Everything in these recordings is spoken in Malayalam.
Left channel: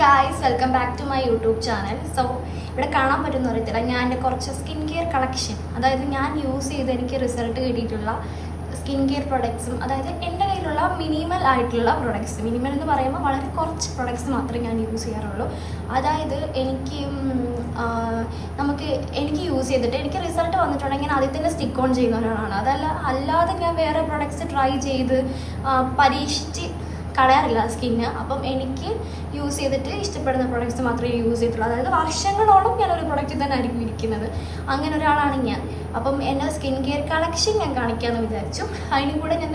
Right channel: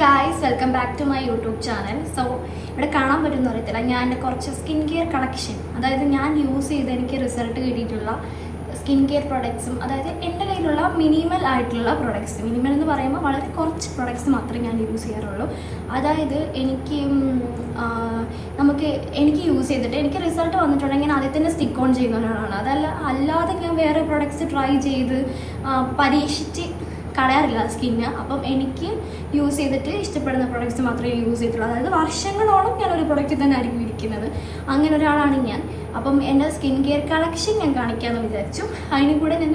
Guys, welcome back to my YouTube channel. So ഇവിടെ കാണാൻ പറ്റുന്ന അറിയത്തില്ല, ഞാൻ എൻ്റെ കുറച്ച് സ്കിൻ കെയർ കളക്ഷൻ, അതായത് ഞാൻ യൂസ് ചെയ്ത് എനിക്ക് റിസൾട്ട് കിട്ടിയിട്ടുള്ള സ്കിൻ കെയർ പ്രൊഡക്ട്സും, അതായത് എൻ്റെ കയ്യിലുള്ള മിനിമൽ ആയിട്ടുള്ള പ്രൊഡക്ട്സ്. മിനിമൽ എന്ന് പറയുമ്പോൾ വളരെ കുറച്ച് പ്രൊഡക്ട്സ് മാത്രമേ ഞാൻ യൂസ് ചെയ്യാറുള്ളൂ. അതായത് എനിക്ക് യൂസ് ചെയ്തിട്ട് എനിക്ക് റിസൾട്ട് വന്നിട്ടുണ്ടെങ്കിൽ അതിൽ തന്നെ സ്റ്റിക്ക് ഓൺ ചെയ്യുന്ന ഒരാളാണ്. അല്ലാതെ ഞാൻ വേറെ പ്രൊഡക്ട്സ് ട്രൈ ചെയ്ത് പരീക്ഷിച്ച് കളയാറില്ല സ്കിന്ന്. അപ്പം എനിക്ക് യൂസ് ചെയ്തിട്ട് ഇഷ്ടപ്പെടുന്ന പ്രൊഡക്ട്സ് മാത്രമേ യൂസ് ചെയ്തിട്ടുള്ളൂ. അതായത് വർഷങ്ങളോളം ഞാനൊരു പ്രൊഡക്റ്റ് തന്നെ ആയിരിക്കും ഇരിക്കുന്നത്. അങ്ങനെ ഒരാളാണ് ഞാൻ. അപ്പം എൻ്റെ സ്കിൻ കെയർ കളക്ഷൻ ഞാൻ കാണിക്കാമെന്ന് വിചാരിച്ചു. അതിന് കൂടെ ഞാൻ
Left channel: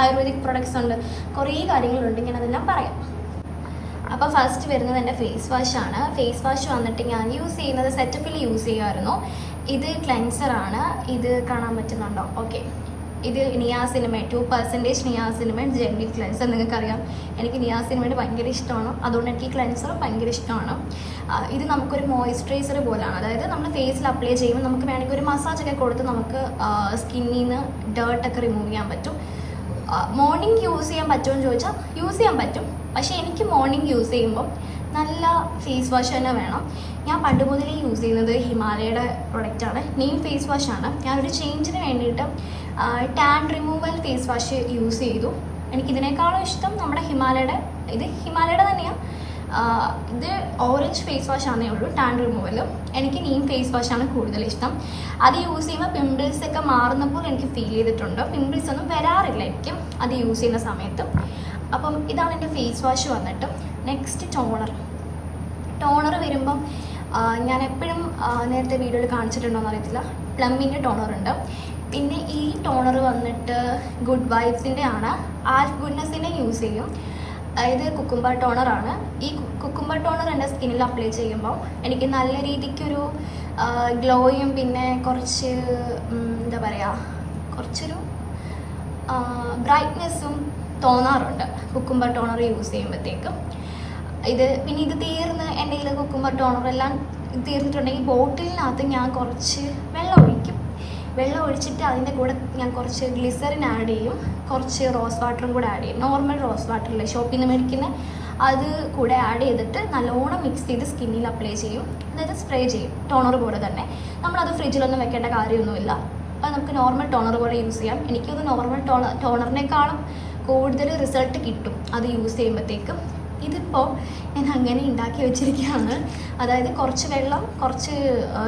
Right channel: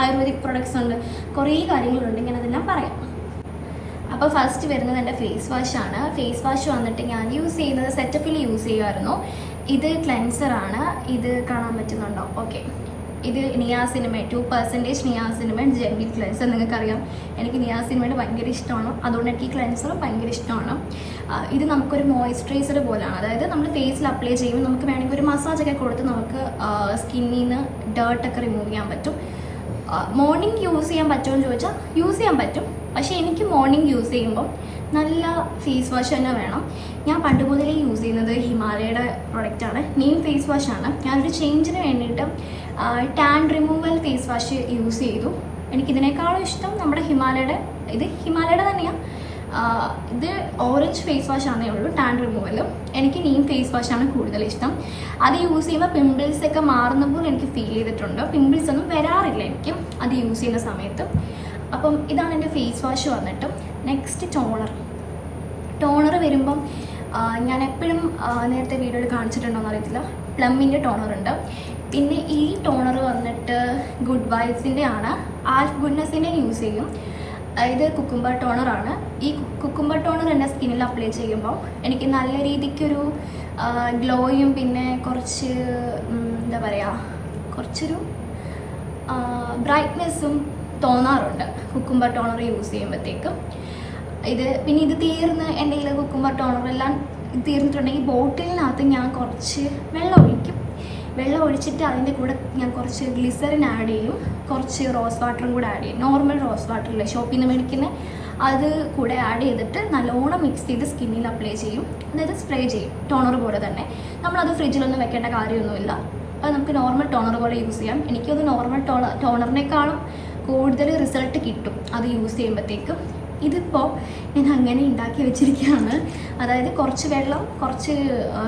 ആയുർവേദിക് പ്രൊഡക്ട്സ് ഉണ്ട്, കുറേ കാര്യങ്ങളുണ്ട്, ഞാനതെല്ലാം പറയാം. അപ്പോൾ ഫസ്റ്റ് വരുന്നത് എൻ്റെ ഫേസ് വാഷാണ്. ഫേസ് വാഷ് വന്നിട്ട് ഞാൻ യൂസ് ചെയ്യുന്നത് സെറ്റപ്പിൽ യൂസ് ചെയ്യുമായിരുന്നു. ഇത് ക്ലെൻസറാണ്. ഇത് കാണാൻ പറ്റുന്നുണ്ടോ? ഓക്കെ, ഇത് നിയാസിനമൈഡ് 2% നിയാസിനമൈഡ് ജെല്ലി ക്ലെൻസർ. നിങ്ങൾക്കറിയാം എനിക്ക് നിയാസിനമൈഡ് ഭയങ്കര ഇഷ്ടമാണ്, അതുകൊണ്ട് എനിക്ക് ക്ലെൻസറും ഭയങ്കര ഇഷ്ടമാണ്. ഇത് നമുക്കൊരു മോയ്സ്ചറൈസർ പോലെയാണ്. അതായത് നമ്മൾ ഫേസിൽ അപ്ലൈ ചെയ്യുമ്പോൾ നമുക്ക് വേണമെങ്കിൽ ഒരു മസാജൊക്കെ കൊടുത്ത് നമുക്ക് സ്കിന്നിൽ നിന്ന് ഡേർട്ടൊക്കെ റിമൂവ് ചെയ്യാൻ പറ്റും. മോർണിംഗ് യൂസ് ചെയ്യാൻ പറ്റുമോ എന്ന് ചോദിച്ചാൽ യൂസ് ചെയ്യാൻ പറ്റും. പക്ഷേ എനിക്ക് മോർണിംഗ് യൂസ് ചെയ്യുമ്പോൾ നല്ല ഫേസ് വാഷ് തന്നെ വേണം. ഞാൻ പണ്ട് മുതലേ യൂസ് ചെയ്യുന്നത് ഹിമാലയയുടെ പ്രൊഡക്റ്റാണ്. നെയിം ഫേസ് വാഷാണ്. ഞാനൊരു ചേഞ്ചിന് വേണ്ടിയിട്ട് tan removal face wash use ചെയ്തു. എനിക്കിതിനേക്കാളും ഇഷ്ടം നമ്മുടെ ഹിമാലയയുടെ തന്നെയാണ്. ഇത് ഓറഞ്ച് ഫേസ് വാഷ് ആണേ ഉള്ളൂ, ടാൻ റിമൂവലും. എനിക്ക് നെയിം ഫേസ് വാഷാണ് കൂടുതൽ ഇഷ്ടം. അത് യൂസ് ചെയ്യുമ്പോൾ പിമ്പിൾസ് ഒക്കെ മാറുന്നപ്പോൾ എനിക്ക് ഫീൽ ചെയ്തിട്ടുണ്ട്. പിമ്പിൾസ് ഒന്നും വരാറില്ല എനിക്ക് അത് യൂസ് ചെയ്യുന്ന സമയത്ത്. അപ്പം ഇതാണ് എൻ്റെ ഫേസ് വാഷ് വന്നിട്ട്. നെക്സ്റ്റ് ടോണർ വരുമ്പം ഞാൻ എപ്പോഴും നേരത്തെ വീഡിയോയിൽ കാണിച്ചിട്ടുണ്ടോയെന്ന് അറിയത്തില്ല, പ്ലമ്മിൻ്റെ ടോണറുണ്ട്. പിന്നെ ഈ ടോണർ വന്നിട്ട് ഗുഡ് വൈബ്സിൻ്റെ ആണ്. ആൽഫ് ഗുഡ്നെസ്സിൻ്റെ യൂസ് ചെയ്യും. ഇത് കുക്കുംബർ ടോണറാണ്. ഈ കുക്കുംബർ ടോണർ എൻ്റെ സ്കിന്നിൽ അപ്ലൈ ചെയ്യുമ്പോൾ എനിക്ക് നല്ല രീതിക്കൊരു ഗ്ലോയും പിന്നെ കുറച്ച് കുറച്ചൊരു ബ്രൈറ്റ്നെസ്സും തോന്നാറുണ്ട് കുക്കുംബർ ടോണർ യൂസ് ചെയ്യുമ്പോഴത്തേക്കും. ഇത് തീർന്ന് എൻ്റെ കയ്യിൽ കുക്കുംബർ ടോണറെല്ലാം തീർന്നിട്ടുണ്ടെങ്കിൽ ബോട്ടിലിനകത്ത് ഞാൻ കുറച്ച് വെള്ളം ഒഴിച്ചിട്ട് അതിൻ്റെ കൂടെ ഞാൻ കുറച്ച് ഗ്ലിസറിൻ ആഡ് ചെയ്യും, കുറച്ച് റോസ് വാട്ടറും കൂടെ ആഡ് ചെയ്യും. നോർമൽ റോസ് വാട്ടറില്ലേ ഷോപ്പിൽ നിന്ന് മേടിക്കുന്ന, അത് കൂടെ ആഡ് ചെയ്തിട്ട് നല്ലോണം മിക്സ് ചെയ്ത് സ്കിന്നിൽ അപ്ലൈ ചെയ്യും. അതായത് സ്പ്രേ ചെയ്യും, ടോണർ പോലെ തന്നെ. നമ്മളത് ഫ്രിഡ്ജിലൊന്നും വെക്കേണ്ട കാര്യമൊന്നുമില്ല. അത് നമുക്ക് നോർമൽ ടോണർ പോലെ യൂസ് ചെയ്യാം. എനിക്കത് നോർമൽ ടോണറിനേക്കാളും കൂടുതൽ റിസൾട്ട് കിട്ടും അത് യൂസ് ചെയ്യുമ്പോഴത്തേക്കും. ഇതിപ്പോൾ ഞാൻ അങ്ങനെ ഉണ്ടാക്കി വെച്ചിരിക്കുകയാണ്. അതായത് കുറച്ച് വെള്ളം, കുറച്ച്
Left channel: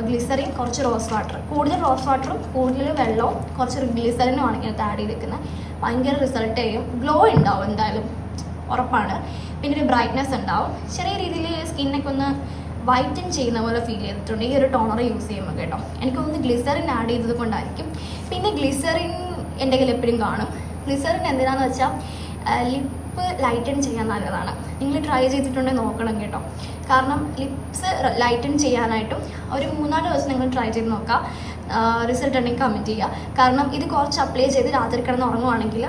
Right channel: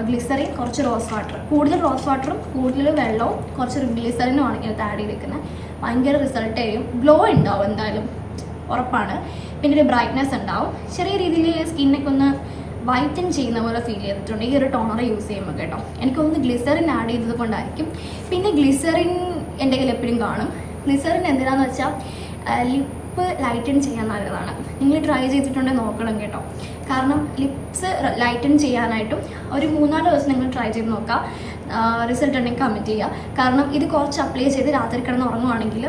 ഗ്ലിസറിൻ, കുറച്ച് റോസ് വാട്ടർ. കൂടുതൽ റോസ് വാട്ടറും കൂടുതൽ വെള്ളവും കുറച്ച് ഗ്ലിസറിനുമാണ് ഇങ്ങനത്തെ ആഡ് ചെയ്തിരിക്കുന്നത്. ഭയങ്കര റിസൾട്ട് ചെയ്യും. ഗ്ലോ ഉണ്ടാവും എന്തായാലും, ഉറപ്പാണ്. പിന്നെ ഒരു ബ്രൈറ്റ്നെസ് ഉണ്ടാവും. ചെറിയ രീതിയിൽ സ്കിന്നൊക്കെ ഒന്ന് വൈറ്റൻ ചെയ്യുന്ന പോലെ ഫീൽ ചെയ്തിട്ടുണ്ട് ഈ ഒരു ടോണർ യൂസ് ചെയ്യുമ്പോൾ കേട്ടോ. എനിക്കൊന്ന് ഗ്ലിസറിൻ ആഡ് ചെയ്തത് കൊണ്ടായിരിക്കും. പിന്നെ ഗ്ലിസറിൻ എൻ്റെ കയ്യിൽ എപ്പോഴും കാണും. ഗ്ലിസറിൻ എന്തിനാന്ന് വെച്ചാൽ ലിപ്പ് ലൈറ്റൻ ചെയ്യാൻ നല്ലതാണ്. നിങ്ങൾ ട്രൈ ചെയ്തിട്ടുണ്ടെങ്കിൽ നോക്കണം കേട്ടോ. കാരണം ലിപ്സ് ലൈറ്റൻ ചെയ്യാനായിട്ടും ഒരു 3-4 ദിവസം നിങ്ങൾ ട്രൈ ചെയ്ത് നോക്കുക. റിസൾട്ട് ഉണ്ടെങ്കിൽ കമൻറ്റ് ചെയ്യുക. കാരണം ഇത് കുറച്ച് അപ്ലൈ ചെയ്ത് രാത്രി കിടന്ന് ഉറങ്ങുവാണെങ്കിൽ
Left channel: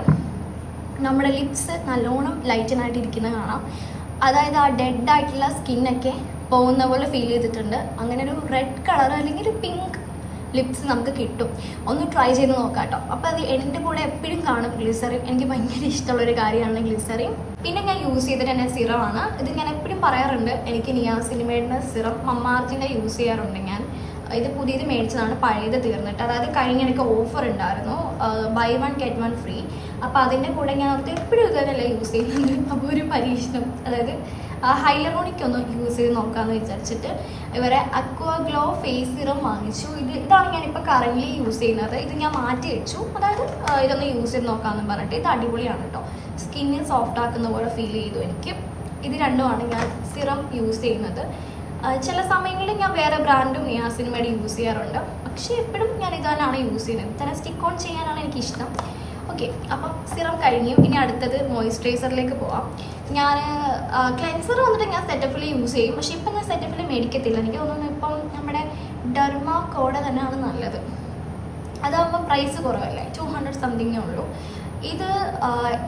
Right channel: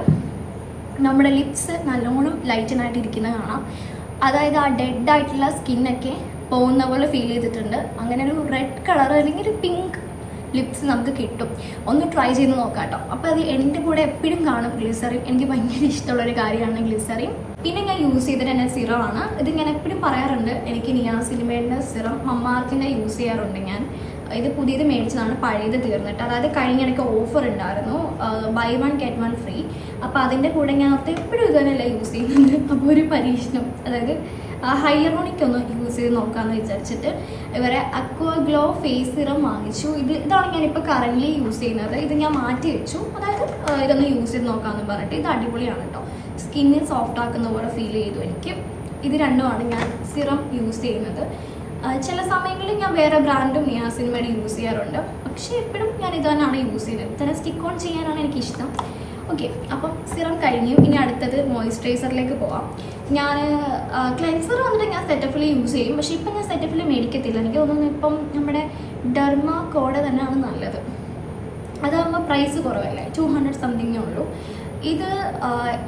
നമ്മുടെ ലിപ്സ് നല്ലോണം ലൈറ്റനായിട്ട് ഇരിക്കുന്നത് കാണാം. അതായത് ആ ഡെഡ് ആയിട്ടുള്ള സ്കിന്നൊക്കെ പോകുന്ന പോലെ ഫീൽ ചെയ്തിട്ടുണ്ട്. അങ്ങനെ ഒരു റെഡ് കളർ അല്ലെങ്കിൽ ഒരു പിങ്ക് ലിപ്സ് നമുക്ക് കിട്ടും. ഒന്ന് ട്രൈ ചെയ്ത് നോക്കാം കേട്ടോ. അപ്പോൾ അത് എൻ്റെ കൂടെ എപ്പോഴും കാണും ഗ്ലിസറിൻ. എനിക്ക് ഭയങ്കര ഇഷ്ടമുള്ളൊരു കാര്യമാണ് ഗ്ലിസറിൻ. പിന്നെ ഞാൻ യൂസ് ചെയ്തിട്ട് എൻ്റെ സിറമാണ്. ഇത് ഞാൻ എപ്പോഴും പറയാറുണ്ട്, എനിക്ക് നിയാസിനമൈഡിൻ്റെ സിറം മമ്മാർക്കിൻ്റെ യൂസ് ചെയ്യാറുണ്ട് ഞാൻ. ഇത് പുതിയത് മേടിച്ചതാണ്, പഴയത് തീർന്നിട്ട്. അതായത് കഴിഞ്ഞിടയ്ക്ക് ഓഫർ ഉണ്ടായിരുന്നു, buy 1 get 1 ഫ്രീ. അപ്പോൾ അതിൻ്റെ കൂടെ ഞാൻ എപ്പോഴും ഇതുവരെയല്ല യൂസ് ചെയ്യുന്നത്. അപ്പോൾ ഒരു പരീക്ഷണം, അതായത് ഹൈലറോണിക് ഒന്ന് യൂസ് ചെയ്ത് നോക്കാമെന്ന് വിചാരിച്ചിട്ട് ഇവരെ അക്വാ ഗ്ലോ ഫേസ് സിറം വാങ്ങിച്ചു. ഇതാണ് ഞാനിപ്പോൾ കറൻ്റ്ലി യൂസ് ചെയ്യുന്നത്. ഇത് ഞാൻ മാറ്റി വെച്ചു. അതായത് ഇതൊന്ന് യൂസ് ചെയ്ത് നോക്കാമെന്ന് പറഞ്ഞിട്ട്. ഇത് അടിപൊളിയാണ് കേട്ടോ. സ്കിന്ന് സോഫ്റ്റ് ആക്കുന്ന പോലെ ഫീൽ ചെയ്തു എനിക്ക്. ഇത് രണ്ടുമാണ് ഞാൻ സിറം യൂസ് ചെയ്യുന്നത്. ചില സമയങ്ങളിൽ ഞാൻ വേറെ ബ്രാൻഡും നിയാസിനമൈഡ് യൂസ് ചെയ്യാറുണ്ട്. പക്ഷേ എപ്പോഴും ഞാൻ ഇത് തന്നെയാണ് യൂസ് ചെയ്യുന്നത്. തന്നെ സ്റ്റിക്ക് ഓൺ ചെയ്യാനാണ് എനിക്കിഷ്ടം. ഓക്കെ, അപ്പം സിറം കഴിഞ്ഞു. ഇനി അടുത്തത് മോയ്സ്ചറൈസറിലേക്ക് പോവാം. ഞാൻ ക്ലെൻസർ വന്നിട്ട് ഞാൻ സെറ്റഫിൽ യൂസ് ചെയ്യും. പക്ഷേ ഇപ്പം ഞാൻ സെറ്റഫിൽ മേടിക്കത്തില്ല. എനിക്ക് തോന്നുന്നു ഇപ്പം നമ്മുടെ ഡെർമാ കോഡ തന്നെയാണ് നല്ലത്. അതാകുമ്പോൾ പ്രൈസ് കുറവല്ലേ, 200 സംതിങ്ങേ ഉള്ളൂ.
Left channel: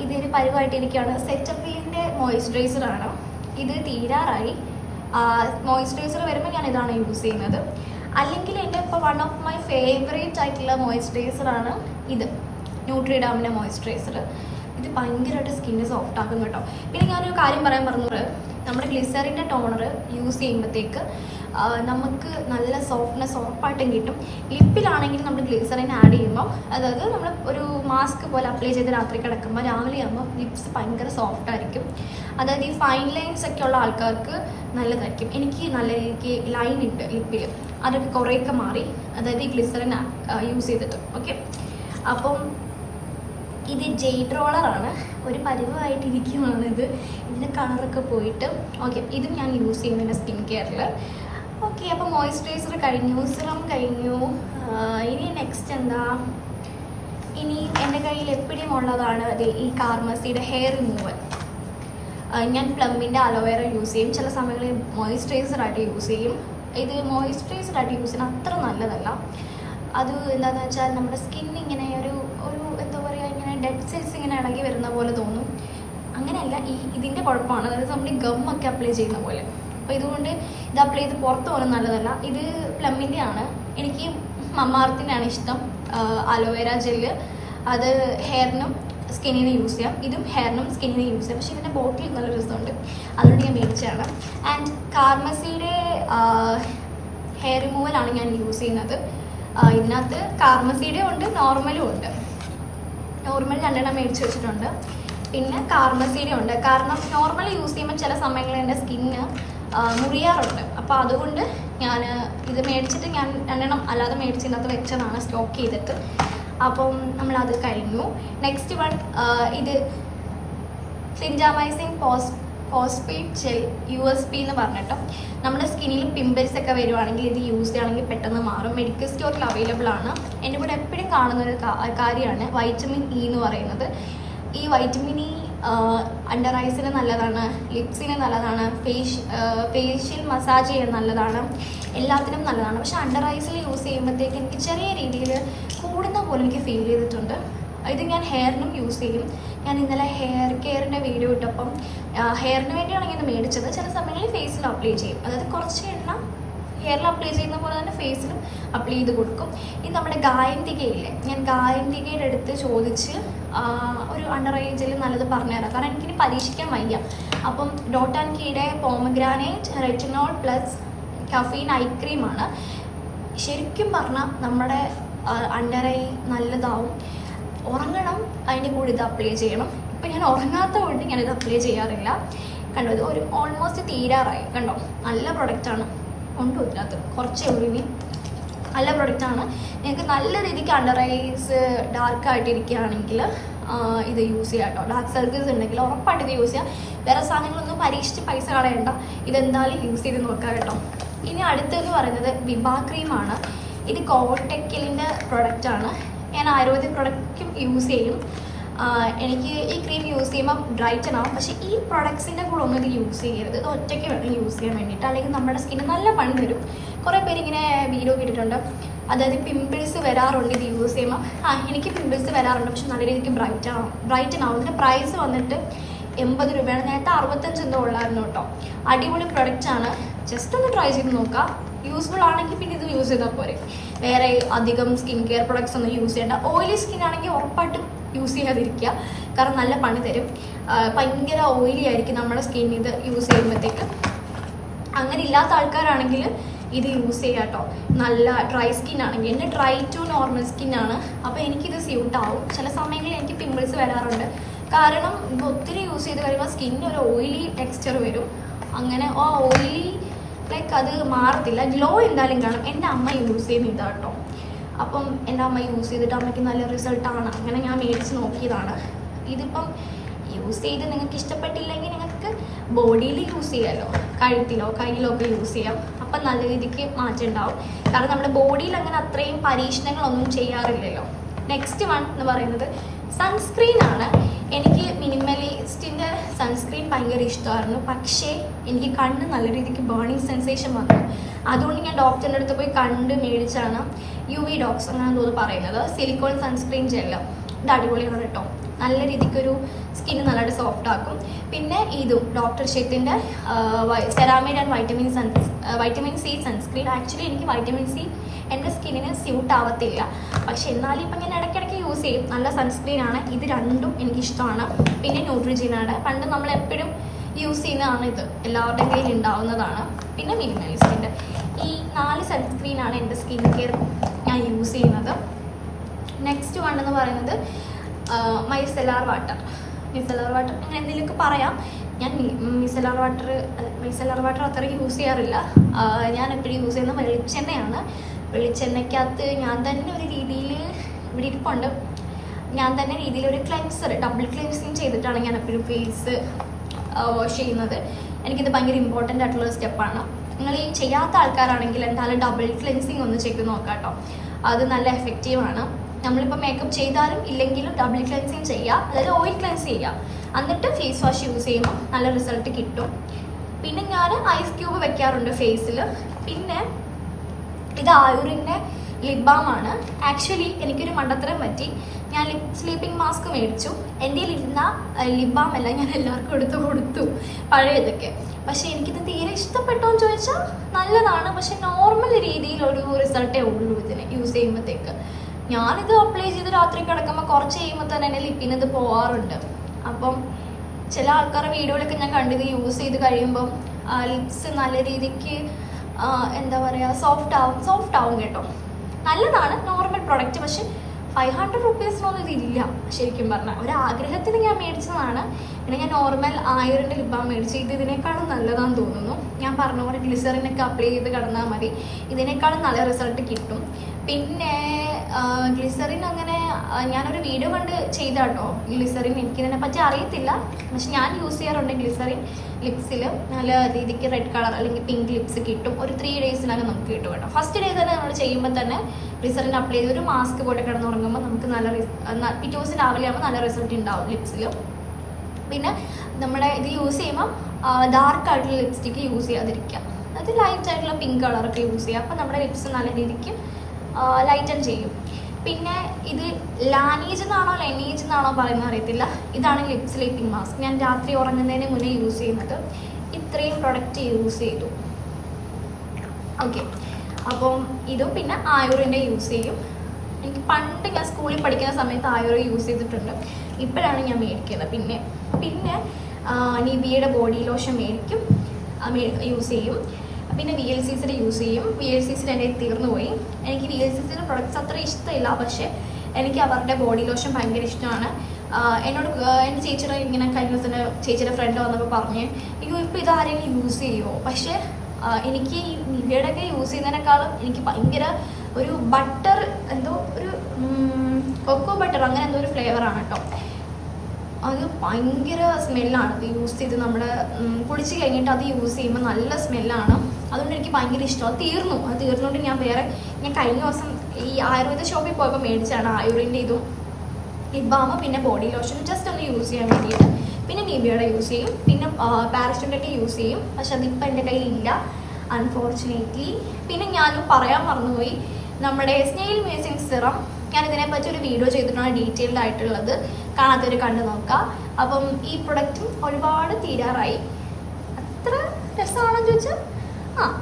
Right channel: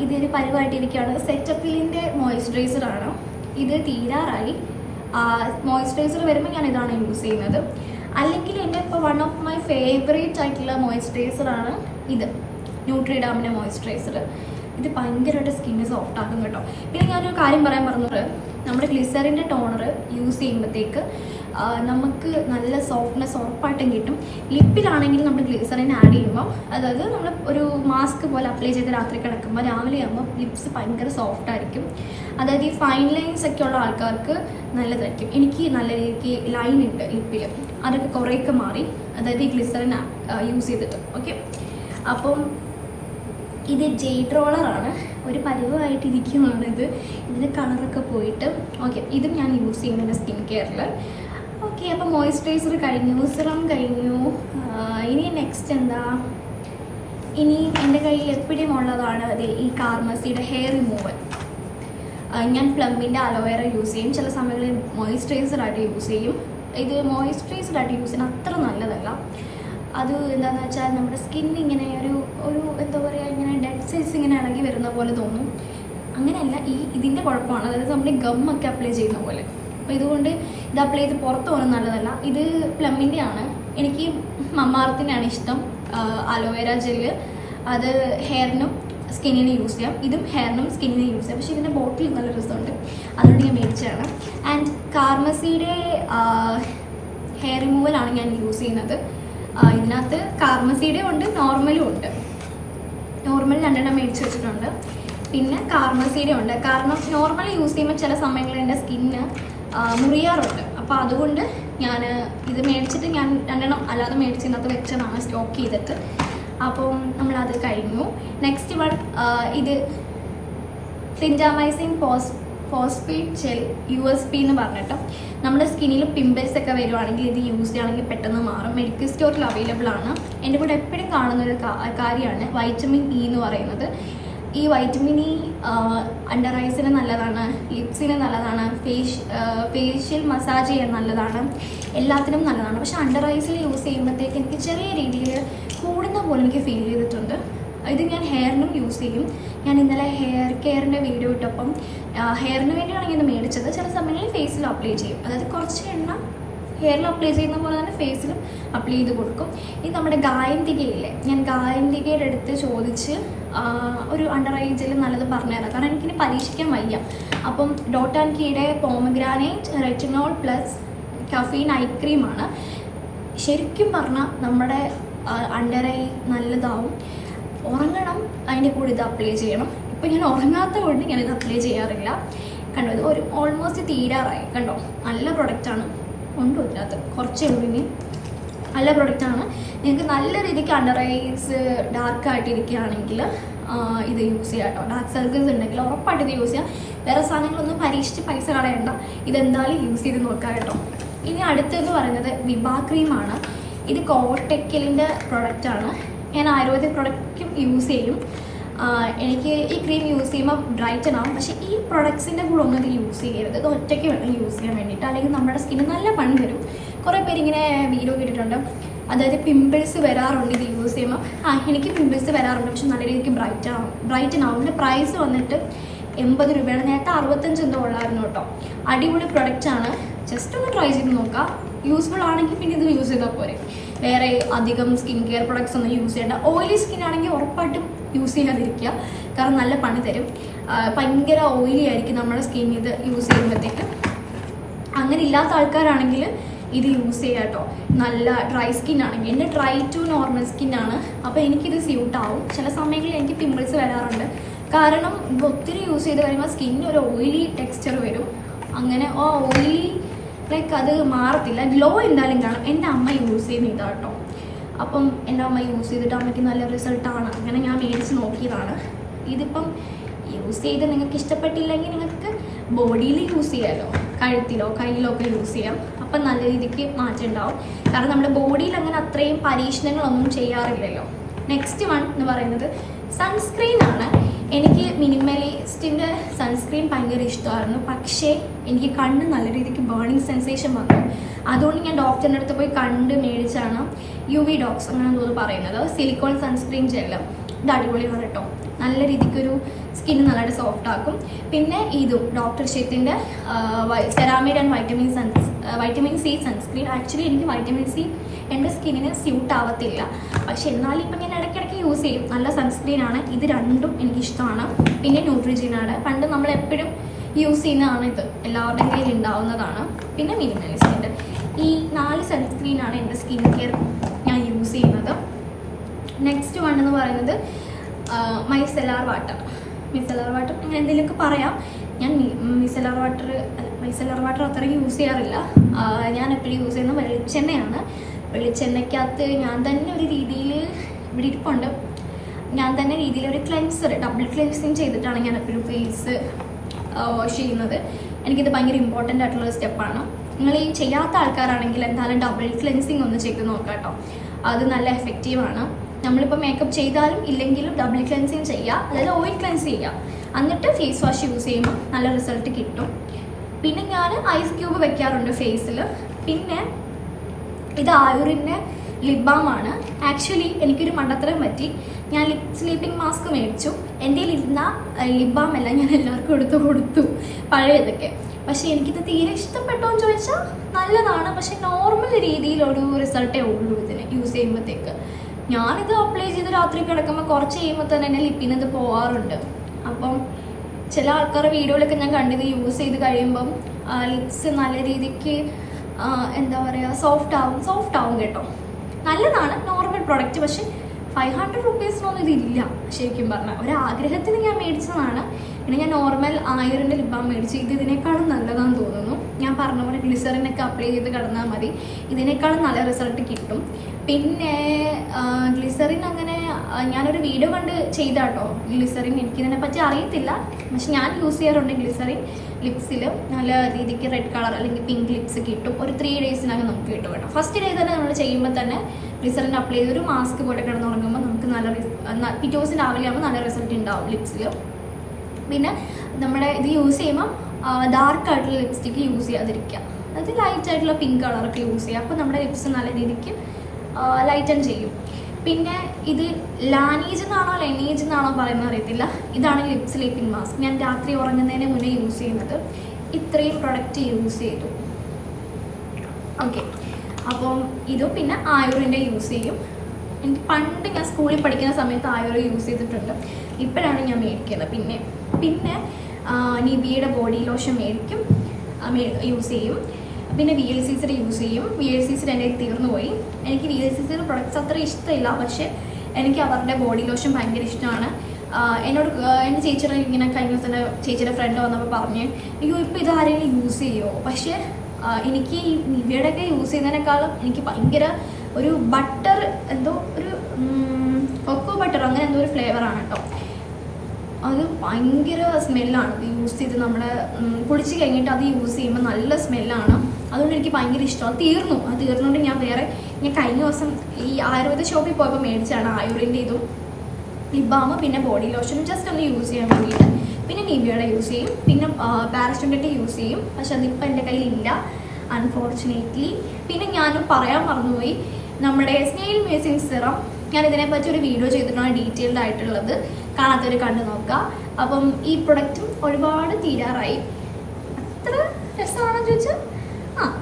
ഇതൊരു പരിവായിട്ടിരിക്കുകയാണ്. സെറ്റഫിലിൻ്റെ മോയ്സ്ചറൈസറാണ്. ഇത് തീരാറായി. മോയ്സ്ചറൈസർ വരുമ്പോൾ ഞാൻ ഇതാണ് യൂസ് ചെയ്യുന്നത്. അല്ലെങ്കിൽ എൻ്റെ ഇപ്പോൾ വൺ ഓഫ് മൈ ഫേവറേറ്റ് ആയിട്ടുള്ള മോയ്സ്ചറൈസറാണ് ഇത്, ന്യൂട്രിഡാമിൻ്റെ മോയ്സ്ചറൈസർ. ഇത് ഭയങ്കരമായിട്ട് സ്കിന്ന് സോഫ്റ്റ് ആക്കും കേട്ടോ. പിന്നെ ഞാനൊരു കാര്യം പറയാൻ പറഞ്ഞത്, നമ്മുടെ ഗ്ലിസറിൻ്റെ ടോണർ യൂസ് ചെയ്യുമ്പോഴത്തേക്ക് നമുക്ക് നല്ല സോഫ്റ്റ്നെസ് ഉറപ്പായിട്ടും കിട്ടും. ലിപ്പിലാണെങ്കിൽ നമ്മൾ ഗ്ലിസറിൻ ആഡ് ചെയ്യുമ്പോൾ, അതായത് നമ്മൾ ഒരു മാസ്ക് പോലെ അപ്ലൈ ചെയ്ത് രാത്രി കിടക്കുമ്പോൾ രാവിലെ ആകുമ്പോൾ ലിപ്സ് ഭയങ്കര സോഫ്റ്റ് ആയിരിക്കും. അതായത് ഈ ഫൈൻ ലൈൻസ് ഒക്കെ ഉള്ള ആൾക്കാർക്ക് നല്ലതായിരിക്കും. എനിക്ക് നല്ല രീതിക്ക് ലൈൻ ഉണ്ട് ലിപ്പിൽ, അതൊക്കെ കുറേയൊക്കെ മാറി, അതായത് ഈ ഗ്ലിസറിൻ യൂസ് ചെയ്തിട്ട്. ഓക്കെ, അപ്പം ഇത് ജെയ്ഡ് റോളറാണ്, ഒരു പരിവായിട്ടിരിക്കുകയാണ് ഇത്. ഇതിൻ്റെ കളറൊക്കെ പോയിട്ട്. ഓക്കെ, ഇതും ഞാൻ യൂസ് ചെയ്യുന്നുണ്ട് സ്കിൻ കെയറിൽ. ഓക്കെ, അപ്പോൾ മോയ്സ്ചറൈസർ കഴിഞ്ഞു, സിറം കഴിഞ്ഞു. ഇനി നെക്സ്റ്റ് എന്താ, ഇനി എൻ്റെ കയ്യിൽ എപ്പോഴും ഉള്ളതാണ് ഈ കാർമസിയുടെ ഹെയർ റിമൂവൽ. ഞാൻ പ്ലമ്മിൻ്റെ അലോവേറ യൂസ് ചെയ്യും, ചില സമയങ്ങളിൽ മോയ്സ്ചറൈസറായിട്ട് യൂസ് ചെയ്യും. ഇത് മോയ്സ്ചറൈസറായിട്ട് യൂസ് ചെയ്യുന്നത് അത്ര നല്ലതല്ല. അത് എന്താണെന്ന് വെച്ചാൽ നമ്മുടെ സ്കിൻ ഇങ്ങനെ ഒരു എന്താ പറയുക, ഇങ്ങനെ ഡെഡ് സെൽസ് ഇങ്ങനെ ഇളകി വരുന്ന പോലെ തോന്നും. അങ്ങനെയല്ല, ഇതിൻ്റെ കുഴപ്പമാണ്. അതായത് നമ്മൾ ഈ ഗമ്മൊക്കെ അപ്ലൈ ചെയ്യുന്ന പോലെ. അപ്പോൾ ഇതുകൊണ്ട് ഇത് അപ്ലൈ ചെയ്ത് പുറത്ത് പോലും നല്ലതല്ല. ഇത് പ്ലമ്മിൻ്റെ ആണ്, എനിക്ക് മമ്മാർത്തിനാണ് ഇഷ്ടം അലോവേര ജെല്ല്. അത് ഹെയറിനും സ്കിന്നിന് യൂസ് ചെയ്യാം, ഇതും ഹെയറിനും സ്കിന്നിന് യൂസ് ചെയ്യാം. പക്ഷേ ഇതിൻ്റെ ബോട്ടിൽ നല്ല രസമുണ്ട്, അതുകൊണ്ട് ഞാൻ മേടിച്ചതാണ്. ആൻഡ് കാർമസിയുടെ ഹെയർ റിമൂവലാണ് ഞാൻ യൂസ് ചെയ്യുന്നത്. ഇതിനകത്ത് കാർമസിയുടെ ഉണ്ട്, നോർമലും ഉണ്ട്. നോർമൽ 2 എണ്ണം മേടിച്ച് വെച്ചിട്ടുണ്ട്, പിന്നെ കാർമസിയുടെ ഉണ്ട്. കാരണം നോർമൽ യൂസ് ചെയ്യുമ്പോൾ ചില സമയങ്ങളിൽ എൻ്റെ സ്കിന്ന് മുറിയാറുണ്ട്. അപ്പോൾ അതുകൊണ്ട് ഞാൻ ഇത് മേടിച്ചിട്ട് ഞാൻ 2 എണ്ണം അല്ലാതെ മേടിച്ചതിനകത്ത് വെച്ചതാണ്, സ്റ്റോക്ക് ചെയ്തിട്ട്. അപ്പം നമ്മളത് കഴിഞ്ഞു. നെക്സ്റ്റ് വൺ, ഇത് ക്ലിൻഡാമൈസിൻ ഫോസ്ഫേറ്റ് ജെൽ USP എന്ന് പറഞ്ഞിട്ട് നമ്മുടെ സ്കിന്നിൽ പിമ്പിൾസ് ഒക്കെ വരുവാണെങ്കിൽ ഇത് യൂസ് ചെയ്യുകയാണെങ്കിൽ പെട്ടെന്ന് മാറും. മെഡിക്കൽ സ്റ്റോറിൽ അവൈലബിൾ ആണ്. എൻ്റെ കൂടെ എപ്പോഴും കാണുന്നൊരു കാര്യമാണ് വൈറ്റമിൻ ഇ എന്ന് പറയുന്നത്. ഈ വൈറ്റമിൻ ഇ അണ്ടർ ഐസിന് നല്ലതാണ്, ലിപ്സിന് നല്ലതാണ്, ഫേഷ്യൽ മസാജ് ചെയ്യാൻ നല്ലതാണ്, എല്ലാത്തിനും നല്ലതാണ്. പക്ഷെ അണ്ടർ ഐസിൽ യൂസ് ചെയ്യുമ്പോഴത്തേക്ക് എനിക്ക് ചെറിയ രീതിയിൽ കൂടുന്ന പോലെ എനിക്ക് ഫീൽ ചെയ്തിട്ടുണ്ട്. ഇത് ഞാൻ ഹെയറിനും യൂസ് ചെയ്യും. ഞാൻ ഇന്നലെ ഹെയർ കെയറിൻ്റെ വീഡിയോ ഇട്ടപ്പം ഹെയറിന് വേണ്ടിയാണ് ഇത് മേടിച്ചത്. ചില സമയങ്ങളിൽ ഫേസിൽ അപ്ലൈ ചെയ്യും, അതായത് കുറച്ച് എണ്ണ ഹെയറിൽ അപ്ലൈ ചെയ്യുന്ന പോലെ തന്നെ ഫേസിലും അപ്ലൈ ചെയ്ത് കൊടുക്കും. ഇത് നമ്മുടെ ഗായന്തികയില്ലേ, ഞാൻ ഗായന്തികയുടെ അടുത്ത് ചോദിച്ച് ഒരു അണ്ടർ ഐ ജെൽ നല്ലത് പറഞ്ഞുതരാം, കാരണം എനിക്കിനി പരീക്ഷിക്കാൻ വയ്യ. അപ്പം ഡോട്ട് ആൻഡ് കീയുടെ pomegranate retinol plus caffeine I ക്രീമാണ്. ശരിക്കും പറഞ്ഞാൽ നമ്മുടെ അണ്ടർ ഐ നല്ലതാവും. ഉറങ്ങണം, അതിൻ്റെ കൂടെ ഇത് അപ്ലൈ ചെയ്യണം. ഇപ്പോൾ ഞാൻ ഉറങ്ങാത്ത കൊണ്ട് ഞാനിത് അപ്ലൈ ചെയ്യാറില്ല. കണ്ടോ, ഇത് ഒരു ഓൾമോസ്റ്റ് തീരാറായി. കണ്ടോ, നല്ല പ്രൊഡക്റ്റാണ്. ഒന്നും ഇല്ലാത്ത കുറച്ചേ ഉള്ളൂ ഇനി. നല്ല പ്രൊഡക്റ്റാണ്. നിങ്ങൾക്ക് നല്ല രീതിക്ക് അണ്ടർ ഐസ് ഡാർക്കായിട്ടിരിക്കുകയാണെങ്കിൽ ഇത് യൂസ് ചെയ്യാം കേട്ടോ. ഡാർക്ക് സർക്കിൾസ് ഉണ്ടെങ്കിൽ ഉറപ്പായിട്ട് ഇത് യൂസ് ചെയ്യാം. വേറെ സാധനങ്ങളൊന്നും പരീക്ഷിച്ച് പൈസ കളയണ്ട, ഇതെന്തായാലും യൂസ് ചെയ്ത് നോക്കാം കേട്ടോ. ഇനി അടുത്തെന്ന് പറയുന്നത് വിഭാ ക്രീമാണ്. ഇത് കോട്ടക്കലിൻ്റെ പ്രൊഡക്റ്റാണ്. ഞാൻ ആയുർവേദിക് പ്രൊഡക്റ്റും യൂസ് ചെയ്യും. എനിക്ക് ഈ ക്രീം യൂസ് ചെയ്യുമ്പോൾ ബ്രൈറ്റൻ ആവും. പക്ഷേ ഈ പ്രൊഡക്ട്സിൻ്റെ കൂടെ ഒന്നും ഇത് യൂസ് ചെയ്യരുത്. ഇത് ഒറ്റയ്ക്ക് വേണം യൂസ് ചെയ്യാൻ വേണ്ടിയിട്ട്, അല്ലെങ്കിൽ നമ്മുടെ സ്കിന്ന് നല്ല പണി തരും. കുറേ പേര് ഇങ്ങനെ വീഡിയോ കേട്ടിട്ടുണ്ട്, അതായത് പിമ്പിൾസ് വരാറുണ്ട് ഇത് യൂസ് ചെയ്യുമ്പോൾ. എനിക്ക് പിമ്പിൾസ് വരാറുണ്ട്, പക്ഷെ നല്ല രീതിക്ക് ബ്രൈറ്റൻ ആവും. ഇതിൻ്റെ പ്രൈസ് വന്നിട്ട് 80 രൂപയാണ്. നേരത്തെ 65 എന്തോ ഉള്ളായിരുന്നു കേട്ടോ. അടിപൊളി പ്രൊഡക്റ്റാണ്, ജസ്റ്റ് ഒന്ന് ട്രൈ ചെയ്ത് നോക്കാം. യൂസ്ഫുൾ ആണെങ്കിൽ പിന്നെ ഇത് യൂസ് ചെയ്താൽ പോരെ. വേറെ അധികം സ്കിൻ കെയർ പ്രൊഡക്ട്സ് ഒന്നും യൂസ് ചെയ്യേണ്ട. ഓയിലി സ്കിൻ ആണെങ്കിൽ ഉറപ്പായിട്ടും യൂസ് ചെയ്യാതിരിക്കുക, കാരണം നല്ല പണി തരും. ഭയങ്കര ഓയിലി ആയിരിക്കും നമ്മുടെ സ്കിൻ ഇത് യൂസ് ചെയ്യുമ്പോഴത്തേക്ക്. അങ്ങനെ ഇല്ലാത്ത ആൾക്കാരാണെങ്കിൽ ഇത് യൂസ് ചെയ്യാം കേട്ടോ. നല്ല ഡ്രൈ സ്കിൻ ആണെങ്കിൽ, എൻ്റെ ഡ്രൈ ടു നോർമൽ സ്കിന്നാണ്, അപ്പോൾ എനിക്കിത് സ്യൂട്ട് ആവും. ചില സമയങ്ങളിൽ എനിക്ക് പിമ്പിൾസ് വരാറുണ്ട്, കാരണം ഇപ്പോൾ ഒത്തിരി യൂസ് ചെയ്ത് കഴിയുമ്പോൾ സ്കിന്നിന് ഒരു ഓയിലി ടെക്സ്ചർ വരും. അങ്ങനെ ആ ഓയിലി ലൈക്ക് അത് മാറത്തില്ല, ഗ്ലോ എന്തായാലും കാണും. എൻ്റെ അമ്മ യൂസ് ചെയ്യുന്ന ഇതാട്ടോ. അപ്പം എൻ്റെ അമ്മ യൂസ് ചെയ്തിട്ട് അമ്മയ്ക്ക് നല്ല റിസൾട്ടാണ്. അങ്ങനെ ഞാൻ മേടിച്ച് നോക്കിയതാണ്. ഇതിപ്പം യൂസ് ചെയ്ത് നിങ്ങൾക്ക് ഇഷ്ടപ്പെട്ടില്ലെങ്കിൽ നിങ്ങൾക്ക് ബോഡിയിൽ യൂസ് ചെയ്യാമല്ലോ, കഴുത്തിലോ കയ്യിലോ ഒക്കെ യൂസ് ചെയ്യാം. അപ്പം നല്ല രീതിക്ക് മാറ്റം ഉണ്ടാവും, കാരണം നമ്മുടെ ബോഡിയിൽ അങ്ങനെ അത്രയും പരീക്ഷണങ്ങളൊന്നും ചെയ്യാറില്ലല്ലോ. നെക്സ്റ്റ് വൺ എന്ന് പറയുന്നത് സൺസ്ക്രീനാണ്. എനിക്ക് മിനിമലിസ്റ്റിൻ്റെ സൺസ്ക്രീൻ ഭയങ്കര ഇഷ്ടമായിരുന്നു, പക്ഷേ എനിക്ക് കണ്ണ് നല്ല രീതിക്ക് ബേണിങ് സെൻസേഷൻ വന്നു. അതുകൊണ്ട് ഞാൻ ഡോക്ടറിൻ്റെ അടുത്ത് പോയി കണ്ട് മേടിച്ചാണ് UV ഡോക്സ് അങ്ങനെ തോന്നുന്നു പറയുന്നത് സിലിക്കോൺ സൺസ്ക്രീൻ ജെല്ല്. ഇത് അടിപൊളിയാണ് കേട്ടോ, നല്ല രീതിക്കൊരു സ്കിന്ന് നന്നായിട്ട് സോഫ്റ്റ് ആക്കും. പിന്നെ ഇതും ഡോക്ടർ ഷെത്തിൻ്റെ ceramide and vitamin C sunscreen. Actually എനിക്ക് വൈറ്റമിൻ സി എൻ്റെ സ്കിന്നിന് സ്യൂട്ട് ആവത്തില്ല, പക്ഷെ എന്നാലും ഇപ്പം ഞാൻ ഇടയ്ക്കിടയ്ക്ക് യൂസ് ചെയ്യും. നല്ല സൺസ്ക്രീനാണ്. ഇത് രണ്ടും എനിക്കിഷ്ടമാണ്. പിന്നെ ന്യൂട്രിജീനാണ്. പണ്ട് നമ്മളെപ്പോഴും യൂസ് ചെയ്യുന്നതാണ് ഇത്, എല്ലാവരുടെയും കയ്യിൽ ഉണ്ടാവുന്നതാണ്. പിന്നെ മിനിമലിസ്റ്റിൻ്റെ ഈ 4 സൺസ്ക്രീനാണ് എൻ്റെ സ്കിൻ കെയർ ഞാൻ യൂസ് ചെയ്യുന്നത്. നെക്സ്റ്റ് വൺ എന്ന് പറയുന്നത് മൈസെല്ലാർ വാട്ടർ. മിസെല്ലാർ വാട്ടർ അങ്ങനെ എന്തെങ്കിലുമൊക്കെ പറയാം. ഞാൻ മിസെല്ലാർ വാട്ടർ അത്രയും യൂസ് ചെയ്യാറില്ല. ഞാൻ എപ്പോഴും യൂസ് ചെയ്യുന്ന വെളിച്ചെണ്ണയാണ്. വെളിച്ചെണ്ണയ്ക്കകത്ത് ഞാൻ തന്നെ ഒരു രീതിയിൽ ഇവിടെ ഇരിപ്പുണ്ട്, ഞാൻ തന്നെ രീതിയിലൊരു ക്ലെൻസർ, ഡബിൾ ക്ലെൻസിങ് ചെയ്തിട്ടാണ് ഞാൻ എപ്പോഴും ഫേസ് വാഷ് ചെയ്യുന്നത്. എനിക്കിത് ഭയങ്കര ഇമ്പോർട്ടൻ്റ് ആയിട്ടുള്ള സ്റ്റെപ്പാണ്. നിങ്ങൾ ഈ ചെയ്യാത്ത ആൾക്കാരാണെങ്കിൽ എന്തായാലും ഡബിൾ ക്ലെൻസിങ് ഒന്ന് ചെയ്ത് നോക്കാം കേട്ടോ. അത് നല്ല എഫക്റ്റീവാണ്. നമ്മളിപ്പോൾ മേക്കപ്പ് ചെയ്താലും ഇല്ലെങ്കിലും ഡബിൾ ക്ലെൻസിങ് ചെയ്യുക, അതായത് ഓയിൽ ക്ലെൻസ് ചെയ്യുക, എന്നിട്ട് ഫേസ് വാഷ് യൂസ് ചെയ്യുമ്പോൾ നല്ല റിസൾട്ട് കിട്ടും. പിന്നെ ഞാൻ ഐസ് ക്യൂബ് വെക്കാറുണ്ട് ഫേസിൽ. പിന്നെ ഇത് ആയുറിൻ്റെ ലിപ് ബാമാണ്. ആക്ച്വലി എനിക്കൊരു മണ്ടത്തരം പറ്റി. ഞാൻ സ്ലീപ്പിംഗ് മാസ്ക് മേടിച്ചു. എൻ്റെ ഇരുന്ന ലിപ് ബാം എല്ലാം ഞാൻ എല്ലാവർക്കും കൊടുത്തു പഴയതൊക്കെ. പക്ഷേ എനിക്കിത് തീരെ ഇഷ്ടപ്പെട്ടോ എന്ന് ചോദിച്ചാൽ നല്ലതാണ്, പക്ഷെ നോർമൽ രീതിയിലൊരു റിസൾട്ടേ ഉള്ളൂ ഇതിന് യൂസ് ചെയ്യുമ്പോഴത്തേക്ക്. ഞാനിത് അപ്ലൈ ചെയ്ത് രാത്രി കിടക്കുമ്പോൾ കുറച്ച് കഴിയുമ്പോൾ തന്നെ എൻ്റെ ലിപ്പിൽ നിന്ന് ഇത് പോകാറുണ്ട്. അപ്പം ചില ആൾക്കാരുടെ വീഡിയോയിലൊക്കെ ഞാൻ കണ്ടിത് യൂസ് ചെയ്ത് കഴിയുമ്പം ലിപ്സ് നല്ല രീതിക്ക് എന്താ പറയുക സോഫ്റ്റ് ആവും കേട്ടോ. നല്ലതാണ് നോർമൽ പ്രൊഡക്റ്റ്. പക്ഷെ 500 റുപ്പീസിനൊന്നും ഇതില്ല ശരിക്കും പറഞ്ഞാൽ. ഒരാഗ്രഹത്തിന് ഞാൻ മേടിച്ചതാണ്. പിന്നെ ഞാൻ നോർമൽ ആയുറിൻ്റെ ലിപ് ബാം മേടിച്ച്. ഇത് ഇതിനേക്കാളും നല്ലതാണെന്ന് തോന്നുന്നു. ഞാൻ പറഞ്ഞ പോലെ ഗ്ലിസറിനൊക്കെ അപ്ലൈ ചെയ്ത് കിടന്നാൽ മതി, ഇതിനേക്കാളും നല്ല റിസൾട്ട് കിട്ടും. പിന്നെ ഗ്ലിസറിൻ അങ്ങനെ ഞാനൊരു വീഡിയോ കണ്ട് ചെയ്ത കേട്ടോ ഗ്ലിസറിൻ. എനിക്കിതിനെ പറ്റി അറിയത്തില്ല, പക്ഷെ ഞാൻ യൂസ് ചെയ്യാറുണ്ട് ഗ്ലിസറിൻ. ലിപ്സിൽ നല്ല രീതിക്ക് റെഡ് കളർ അല്ലെങ്കിൽ പിങ്ക് ലിപ്സ് കിട്ടും. ഒരു 3 ഡേയ്സിനകം നമുക്ക് കിട്ടും കേട്ടോ. ഫസ്റ്റ് ഡേ തന്നെ നമ്മൾ ചെയ്യുമ്പോൾ തന്നെ ഗ്ലിസറിൻ അപ്ലൈ ചെയ്ത് ഒരു മാസ്ക് പോലെ കിടന്നുറങ്ങുമ്പോൾ നമുക്ക് നല്ല പിറ്റേ ദിവസം രാവിലെ ആകുമ്പോൾ നല്ല റിസൾട്ട് ഉണ്ടാവും ലിപ്സിൽ. പിന്നെ നമ്മുടെ ഇത് യൂസ് ചെയ്യുമ്പോൾ ഡാർക്ക് ആയിട്ടുള്ള ലിപ്സ്റ്റിക്ക് യൂസ് ചെയ്യാതിരിക്കുക, അതായത് ലൈറ്റ് ആയിട്ടുള്ള പിങ്ക് കളറൊക്കെ യൂസ് ചെയ്യുക. അപ്പോൾ നമ്മുടെ ലിപ്സ് നല്ല രീതിക്ക് ലൈറ്റൺ ചെയ്യും. പിന്നെ ഇത് ലാനേജ് എന്നാണോ ലെനേജ് എന്നാണോ പറയുന്നത് അറിയത്തില്ല. ഇതാണ് ലിപ് സ്ലീപ്പിംഗ് മാസ്ക്. ഞാൻ രാത്രി ഉറങ്ങുന്നതിന് മുന്നേ യൂസ് ചെയ്യുന്നത്. ഇത്രയും പ്രൊഡക്റ്റ് യൂസ് ചെയ്തു. ഓക്കെ, അപ്പം ഇതും പിന്നെ ആയുറിൻ്റെ യൂസ് ചെയ്യും. എനിക്ക് പണ്ട് ഞാൻ സ്കൂളിൽ പഠിക്കുന്ന സമയത്ത് ആയുർ യൂസ് ചെയ്തിട്ടുണ്ട്. ഇപ്പോഴാണ് ഞാൻ മേടിക്കുന്നത്. പിന്നെ നിവിയുടെ ബോഡി ലോഷൻ മേടിക്കും, യൂസ് ചെയ്യും. പിന്നെ VLCCയുടെ യൂസ് ചെയ്യും. VLCCയുടെ എൻ്റെ തീർന്നു പോയി. എനിക്ക് VLCCയുടെ പ്രൊഡക്ട്സ് അത്ര ഇഷ്ടമില്ല, പക്ഷേ എനിക്ക് അവരുടെ ബോഡി ലോഷൻ ഭയങ്കര ഇഷ്ടമാണ്. എന്നോട് എൻ്റെ ചേച്ചിയുടെ ഇങ്ങനെ കഴിഞ്ഞ ദിവസം തന്നെ ചേച്ചിയുടെ ഫ്രണ്ട് വന്നപ്പോൾ പറഞ്ഞ്, അയ്യോ ഇപ്പോൾ ഇതാരെങ്കിലും യൂസ് ചെയ്യുമോ? പക്ഷേ എനിക്ക് ഈ നിവിയുടെയൊക്കെ യൂസ് ചെയ്യുന്നതിനേക്കാളും എനിക്ക് ഭയങ്കര ഒരു ബട്ടർ, എന്തോ ഒരു കൊക്കോ ബട്ടർ അങ്ങനെ എന്തോ ഒരു ഫ്ലേവറാണ് കേട്ടോ. അത് ഭയങ്കര സ്മെല്ലാണ്. അത് യൂസ് ചെയ്ത് നമ്മുടെ കുളിച്ച് കഴിഞ്ഞിട്ട് അത് യൂസ് ചെയ്യുമ്പോൾ നല്ല സ്മെല്ലാണ്. അതുകൊണ്ട് എനിക്ക് ഭയങ്കര ഇഷ്ടം. അത് തീർന്നുകൊണ്ട് ഞാൻ കഴിഞ്ഞ ദിവസം ഈ ആയുർവേദ ഷോപ്പിൽ പോയപ്പോൾ മേടിച്ചാണ് ആയുറിൻ്റെ ഇതും ലിപ് ബാം, പിന്നെ ബോഡി ലോഷനും ജസ്റ്റ് ഒന്ന് യൂസ് ചെയ്യാൻ വേണ്ടിയിട്ട്. പിന്നെ നിവിയുടെ യൂസ് ചെയ്യും, പിന്നെ പാരസ്റ്റോണിൻ്റെ യൂസ് ചെയ്യും. പക്ഷെ അതിപ്പോൾ എൻ്റെ കയ്യിലില്ല അൺഫോർച്ചുനേറ്റ്ലി. പിന്നെ ഞാനും പറയാൻ മറന്നുപോയി, നമ്മുടെ സ്നെയിൽ മേസിങ് സിറം. ഞാൻ ഇതിനെപ്പറ്റി ഒരു വീഡിയോ ചെയ്തിട്ടാണ് ഡീറ്റെയിൽഡ് ആയിട്ടുള്ളത്, കാണാത്തവർ കണ്ടു നോക്കുക. അപ്പം ഈ പ്രൊഡക്റ്റും ഒരുപാട് തീരാറായി. അത്ര രസമാണോ ചോദിച്ചാൽ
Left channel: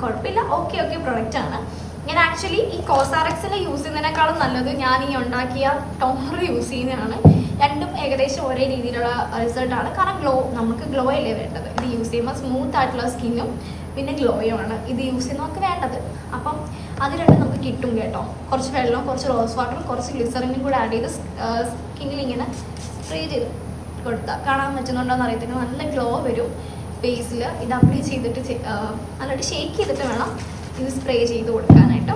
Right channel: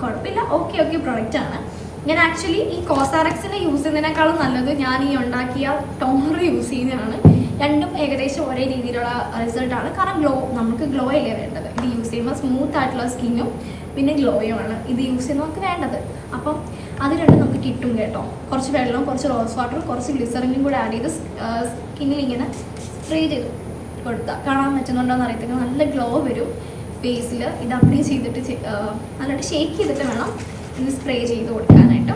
കുഴപ്പമില്ല, ഓക്കെ പ്രൊഡക്റ്റാണ്. ഞാൻ ആക്ച്വലി ഈ കോസാറക്സിനെ യൂസ് ചെയ്യുന്നതിനേക്കാളും നല്ലത് ഞാൻ ഈ ഉണ്ടാക്കിയ ടോണർ യൂസ് ചെയ്യുന്നതാണ്. രണ്ടും ഏകദേശം ഒരേ രീതിയിലുള്ള റിസൾട്ടാണ്. കാരണം നമുക്ക് ഗ്ലോ അല്ലേ വേണ്ടത്. ഇത് യൂസ് ചെയ്യുമ്പോൾ സ്മൂത്ത് ആയിട്ടുള്ള സ്കിന്നും പിന്നെ ഗ്ലോയുമാണ് ഇത് യൂസ് ചെയ്യുന്നവർക്ക് വേണ്ടത്. അപ്പം അത് രണ്ടും നമുക്ക് കിട്ടും കേട്ടോ. കുറച്ച് വെള്ളം, കുറച്ച് റോസ് വാട്ടറും കുറച്ച് ഗ്ലിസറിനും കൂടെ ആഡ് ചെയ്ത് സ്കിന്നിൽ ഇങ്ങനെ സ്പ്രേ ചെയ്ത് കൊടുത്താൽ കാണാൻ പറ്റുന്നുണ്ടോയെന്ന് അറിയത്തില്ല, നല്ല ഗ്ലോ വരും ഫേസിൽ. ഇത് അപ്ലൈ ചെയ്തിട്ട് നല്ലതായിട്ട് ഷേക്ക് ചെയ്തിട്ട് വേണം ഇത് സ്പ്രേ ചെയ്ത് കൊടുക്കാനായിട്ട്.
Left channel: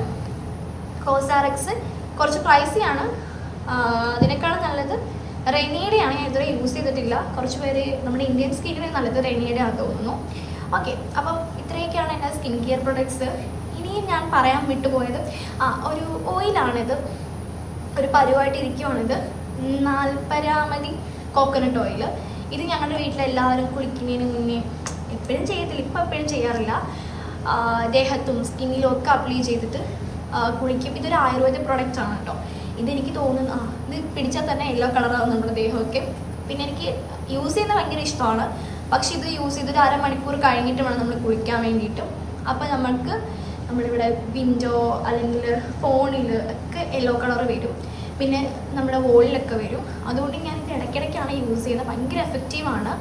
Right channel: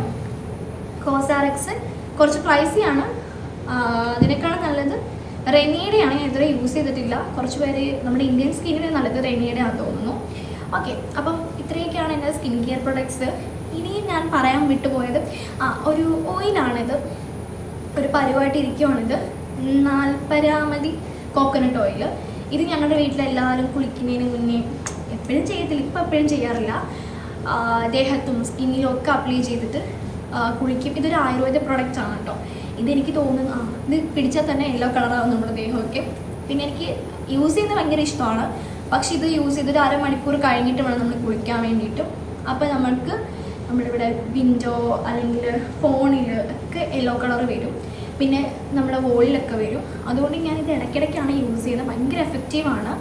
കോസാറക്സ് കുറച്ച് പ്രൈസിയാണ്. അതിനേക്കാളും നല്ലത് റെനിയുടെയാണ്. ഞാൻ ഇതുവരെ യൂസ് ചെയ്തിട്ടില്ല. കുറച്ച് പേര് നമ്മുടെ ഇന്ത്യൻ സ്കിന്നിന് നല്ലത് റെനിയുടെ ആണെന്ന് തോന്നുന്നു. ഓക്കെ, അപ്പം ഇത്രയൊക്കെയാണ് എൻ്റെ സ്കിൻ കെയർ പ്രൊഡക്ട്സ്. ഇനിയും ഞാൻ പറയാൻ വിട്ടുപോയത് ഒരു ഓയിലാണിത്. ഒരു പരുവായിട്ട് ഇരിക്കുവാണിത്. നാൽപ്പരാമതി കോക്കനട്ട് ഓയിൽ. ഇത് ഞങ്ങളുടെ വീട്ടിലെല്ലാവരും കുളിക്കുന്നതിന് മുന്നേ എപ്പോഴും ചെയ്യത്തില്ല, ഇപ്പം എപ്പോഴും ചെയ്യാറില്ല, ദേഹത്തും സ്കിന്നിലും ഒക്കെ അപ്ലൈ ചെയ്തിട്ട് കുളിക്കും. ഇതൊരു ആയുർവേദ പ്രൊഡക്റ്റ് ആണ് കേട്ടോ. ഇതെനിക്ക് തോന്നുന്നു ഇത് പിടിച്ചാൽ തന്നെ യെല്ലോ കളറാകും നമ്മുടെ ദേഹമൊക്കെ. പിന്നെ എനിക്ക് യൂസ് ചെയ്യുന്നത് ഭയങ്കര ഇഷ്ടമാണ്. പക്ഷെ ഇത് യൂസ് ചെയ്തൊരു അരമണിക്കൂർ കഴിഞ്ഞിട്ട് വേണം നമ്മൾ കുളിക്കാൻ വേണ്ടിയിട്ടും. അപ്പോൾ നമ്മൾക്ക് നമ്മളിവിടെ വിൻഡോ അല്ലെങ്കിൽ ഫോണിൽ ഒക്കെ യെല്ലോ കളർ വരും, പിന്നെ നമ്മുടെ വോളിലൊക്കെ വരും. അതുകൊണ്ട് ഞാനിത് ഇടയ്ക്കിടയ്ക്കാണ് യൂസ് ചെയ്യുന്നത്. ഭയങ്കര എഫക്റ്റീവാണ്.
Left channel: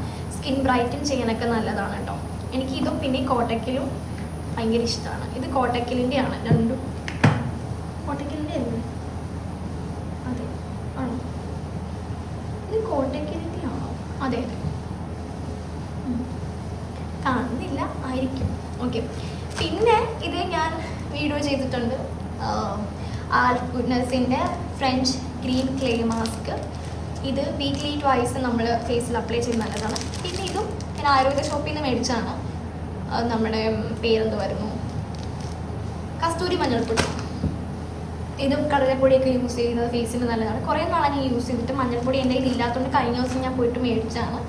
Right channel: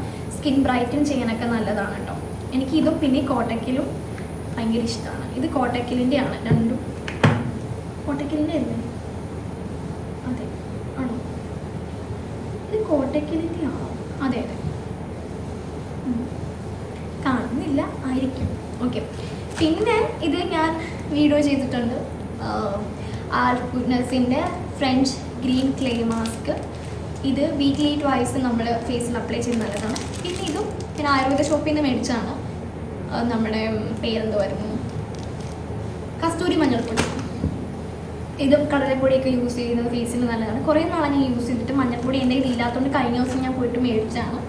സ്കിൻ ബ്രൈറ്റൻ ചെയ്യാനൊക്കെ നല്ലതാണ് കേട്ടോ. എനിക്ക് ഇതും പിന്നെ കോട്ടക്കിലും ഭയങ്കര ഇഷ്ടമാണ്. ഇത് കോട്ടക്കിലിൻ്റെ ആണ് രണ്ടും. കോട്ടക്കിലിൻ്റെ അല്ലേ? അതെ ആണോ? ഇത് കോട്ടക്കിലിൻ്റെ ആണോ? അതെ അതെ, കാണുന്നില്ല, ആയിരിക്കും. ഓക്കെ, പിന്നെ ഇത് ഞാൻ വീഡിയോ ചെയ്തിട്ടുണ്ട്. ആൽഫ് ഗുഡ്നസിൻ്റെ ഫ്രഞ്ച് ഗ്രീൻ ക്ലേ മാസ്ക്. ഇത് വീക്ക്ലി ട്വൈസ് നമ്മൾ ഫേസിൽ അപ്ലൈ ചെയ്യുന്ന നല്ലതാണ്. പിന്നെ ഇതും ഞാൻ ആയുർവേദ ഷോപ്പിൽ നിന്ന് മേടിച്ചാണ്. നമ്മുടെ പേരെന്ത് വരുന്നു, കസ്തൂരി മഞ്ഞൾപ്പൊടി. ഇത് കടലപ്പൊടിയൊക്കെ യൂസ് ചെയ്യുന്നത് ഫേസിന് നല്ലതാണ്. കുറേ നാളെ ഞാൻ യൂസ് ചെയ്തിട്ട് മഞ്ഞൾപ്പൊടി എൻ്റെ കയ്യിൽ ഇല്ലാത്തതുകൊണ്ട് കഴിഞ്ഞ ദിവസം ഞാൻ പോയിട്ട് മേടിച്ചാണ്.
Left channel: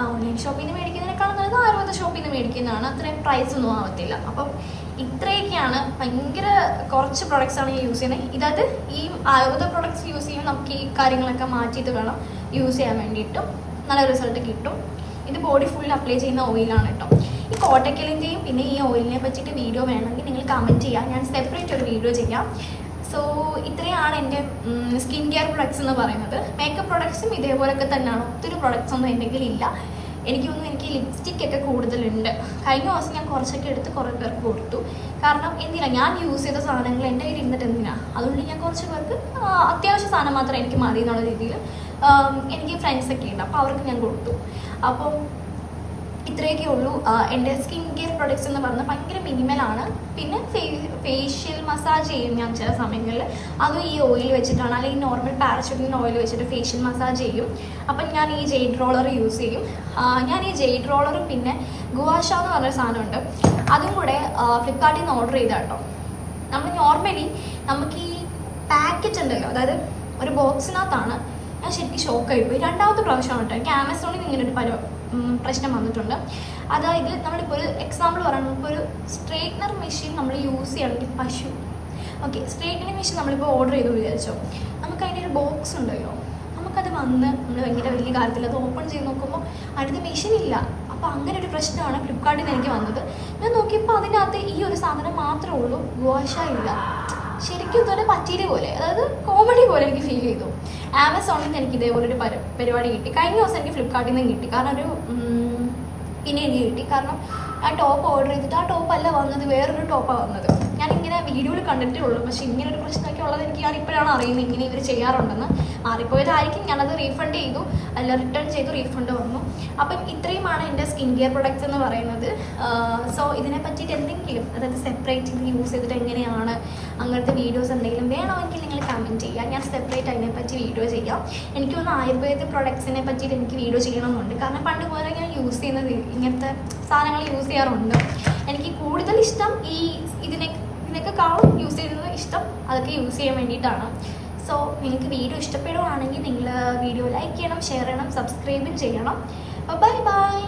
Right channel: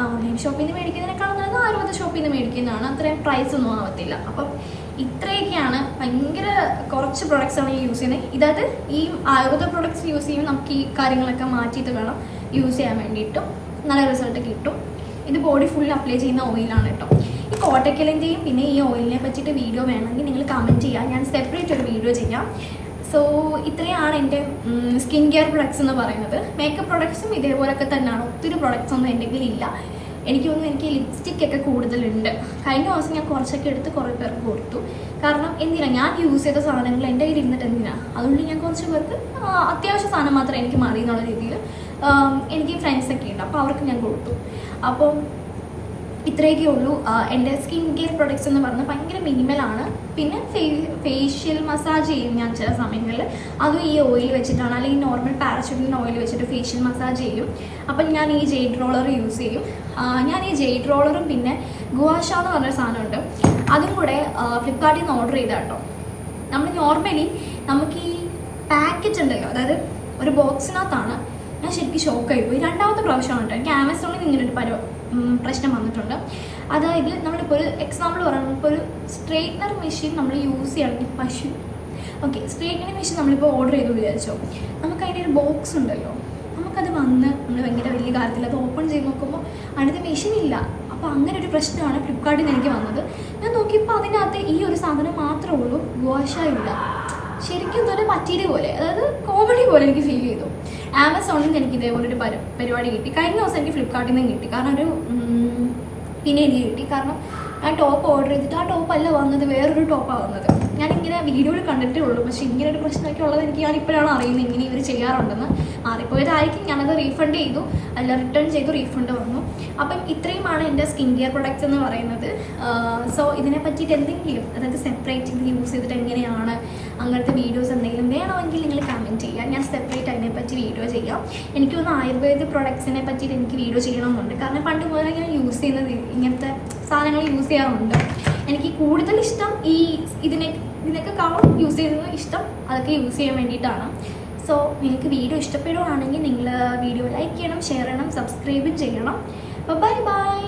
ഓൺലൈൻ ഷോപ്പിൽ നിന്ന് മേടിക്കുന്നതിനേക്കാളും നല്ലത് ആയുർവേദ ഷോപ്പിൽ നിന്ന് മേടിക്കുന്നതാണ്. അത്രയും പ്രൈസ് ഒന്നും ആവത്തില്ല. അപ്പം ഇത്രയൊക്കെയാണ്, ഭയങ്കര കുറച്ച് പ്രൊഡക്ട്സാണ് ഈ യൂസ് ചെയ്യുന്നത്. ഇതായത് ഈ ആയുർവേദ പ്രൊഡക്ട്സ് യൂസ് ചെയ്യുമ്പോൾ നമുക്ക് ഈ കാര്യങ്ങളൊക്കെ മാറ്റിയിട്ട് വേണം യൂസ് ചെയ്യാൻ വേണ്ടിയിട്ടും നല്ല റിസൾട്ട് കിട്ടും. ഇത് ബോഡി ഫുൾ അപ്ലൈ ചെയ്യുന്ന ഓയിലാണ് കേട്ടോ. ഈ കോട്ടക്കലിൻ്റെയും പിന്നെ ഈ ഓയിലിനെ പറ്റിയിട്ട് വീഡിയോ വേണമെങ്കിൽ നിങ്ങൾ കമൻറ്റ് ചെയ്യുക, ഞാൻ സെപ്പറേറ്റ് ഒരു വീഡിയോ ചെയ്യാം. സോ ഇത്രയാണ് എൻ്റെ സ്കിൻ കെയർ പ്രൊഡക്ട്സ് എന്ന് പറയുന്നത്. മേക്കപ്പ് പ്രൊഡക്ട്സും ഇതേപോലൊക്കെ തന്നെയാണ്. ഒത്തിരി പ്രൊഡക്ട്സ് ഒന്നും എൻ്റെ കയ്യിലില്ല. എനിക്ക് തോന്നുന്നു എനിക്ക് ലിപ്സ്റ്റിക്കൊക്കെ കൂടുതലുണ്ട്. കഴിഞ്ഞ ദിവസം ഞാൻ കുറച്ചൊക്കെ എടുത്ത് കുറേ പേർക്ക് കൊടുത്തു. കാരണം എന്തിനാ, ഞാൻ യൂസ് ചെയ്ത സാധനങ്ങൾ എൻ്റെ കയ്യിൽ ഇരുന്നിട്ട് എന്തിനാ, അതുകൊണ്ട് ഞാൻ കുറച്ച് പേർക്ക് അത്യാവശ്യ സാധനം മാത്രം എനിക്ക് മതി എന്നുള്ള രീതിയിൽ എനിക്ക് ഫ്രണ്ട്സൊക്കെ ഉണ്ട്, അപ്പോൾ അവർക്ക് ഞാൻ കൊടുത്തു. അപ്പോൾ ഇത്രയൊക്കെ ഉള്ളൂ എൻ്റെ സ്കിൻ കെയർ പ്രൊഡക്ട്സ് എന്ന് പറഞ്ഞാൽ. ഭയങ്കര മിനിമലാണ്. പിന്നെ ഫേഷ്യൽ മസാജ് ചെയ്യും ഞാൻ ചില സമയങ്ങളിൽ. അതും ഈ ഓയിൽ വെച്ചിട്ടാണ്, അല്ലെങ്കിൽ നോർമൽ പാരച്യൂട്ടിൻ്റെ ഓയിൽ വെച്ചിട്ട് ഫേഷ്യൽ മസാജ് ചെയ്യും. അപ്പം ഞാൻ ഈ ജെയ്ഡ് റോളർ യൂസ് ചെയ്യും. ഞാൻ ഈ ജെയ്ഡ് റോളറും പിന്നെ ഗുവാഷ എന്ന് പറഞ്ഞ സാധനമുണ്ട്, അതും കൂടെ ഫ്ലിപ്കാർട്ടിൽ നിന്ന് ഓർഡർ ചെയ്താൽ കേട്ടോ. നമ്മൾ നോർമലി നമുക്ക് ഈ പാക്കറ്റ് ഉണ്ടല്ലോ, അതായത് ഒരു ബോക്സിനകത്താണ്. ഞാൻ ശരിക്കും ഷോക്കായിപ്പോയി. രണ്ടാമത്തെ പ്രാവശ്യമാണ് കേട്ടോ. എനിക്ക് ആമസോണിൽ നിന്ന് ഇങ്ങനൊരു പ്രശ്നം വന്നിട്ടുണ്ട്. അതായത് നമ്മളിപ്പോൾ ഒരു എക്സാമ്പിൾ പറയുമ്പോൾ നമുക്ക് ഒരു സ്ട്രെയിറ്റ്നർ മെഷീൻ നമ്മൾ യൂസ് ചെയ്യുകയാണെങ്കിൽ ഓക്കെ, സ്ട്രെയിറ്റ്നർ മെഷീൻ നമ്മളിപ്പോൾ ഓർഡർ ചെയ്തു വിചാരിച്ചോ, നമുക്ക് അതിൻ്റെ ഒരു ബോക്സ് ഉണ്ടല്ലോ, നമുക്കത് വന്ന് നമ്മൾ ഭയങ്കര വലിയ കാര്യത്തിൽ അത് ഓപ്പൺ ചെയ്ത് നോക്കുമ്പോൾ അടുത്ത മെഷീൻ ഇല്ല. അപ്പോൾ അങ്ങനെ ഒരു പ്രശ്നമാണ് ഫ്ലിപ്കാർട്ടിൽ നിന്ന് എനിക്ക് വന്നത്. ഞാൻ നോക്കിയപ്പോൾ അതിനകത്ത് ഈ ഒരു സാധനം മാത്രമേ ഉള്ളൂ, ഗുവാഷ ഇല്ല. ശരിക്കും ഇതുപോലെ പറ്റിയത് പോലെ, അതായത് കോമഡി പോലെ എനിക്ക് ഫീൽ ചെയ്തു. ആമസോണിൽ നിന്ന് എനിക്ക് ഇതേപോലെ ഒരു പരിപാടി കിട്ടി. കഴിഞ്ഞ ദിവസം എനിക്ക് ഫ്ലിപ്കാർട്ടിൽ നിന്നും കിട്ടി. കാരണം പിന്നെ എനിക്ക് കിട്ടി. കാരണം ആ ടോപ്പ് ഓർഡർ ചെയ്തിട്ട് ആ ടോപ്പല്ല വന്നത്, വേറൊരു ടോപ്പാണ് വന്നത്. ഞാനിങ്ങനെ വീഡിയോയിൽ കണ്ടിട്ടേ ഉള്ളൂ. പക്ഷേ ഇങ്ങനെ ഒരു പ്രശ്നമൊക്കെ ഉള്ളത് എനിക്ക് ഞാനിപ്പോഴാണ് അറിയുന്നത്, ഇങ്ങനെ ഇവർ ചെയ്യാറുണ്ടെന്ന്. മാറിപ്പോയതായിരിക്കും. ഞാനത് റീഫണ്ട് ചെയ്തു, അല്ല റിട്ടേൺ ചെയ്തു, റീഫണ്ട് വന്നു. അപ്പം ഇത്രയുമാണ് എൻ്റെ സ്കിൻ കെയർ പ്രൊഡക്ട്സ് എന്ന് പറയുന്നത്. സോ ഇതിനെ പറ്റിയിട്ട് എന്തെങ്കിലും, അതായത് സെപ്പറേറ്റ് ഇത് യൂസ് ചെയ്തിട്ട് എങ്ങനെയാണ് അങ്ങനത്തെ വീഡിയോസ് എന്തെങ്കിലും വേണമെങ്കിൽ നിങ്ങൾ കമൻറ്റ് ചെയ്യുക. ഞാൻ സെപ്പറേറ്റ് അതിനെപ്പറ്റി വീഡിയോ ചെയ്യാം. എനിക്കൊന്ന് ആയുർവേദ പ്രൊഡക്ട്സിനെ പറ്റിയിട്ട് എനിക്ക് വീഡിയോ ചെയ്യണമെന്നുണ്ട്. കാരണം പണ്ട് മുതലേ ഞാൻ യൂസ് ചെയ്യുന്നത് ഇങ്ങനത്തെ സാധനങ്ങൾ യൂസ് ചെയ്യാറുണ്ട്. എനിക്ക് കൂടുതൽ ഇഷ്ടം ഇതിനൊക്കെ കാണും യൂസ് ചെയ്യുന്നത് ഇഷ്ടം, അതൊക്കെ യൂസ് ചെയ്യാൻ വേണ്ടിയിട്ടാണ്. സോ നിങ്ങൾക്ക് വീഡിയോ ഇഷ്ടപ്പെടുകയാണെങ്കിൽ നിങ്ങൾ വീഡിയോ ലൈക്ക് ചെയ്യണം, ഷെയർ ചെയ്യണം, സബ്സ്ക്രൈബും ചെയ്യണം. Bye bye.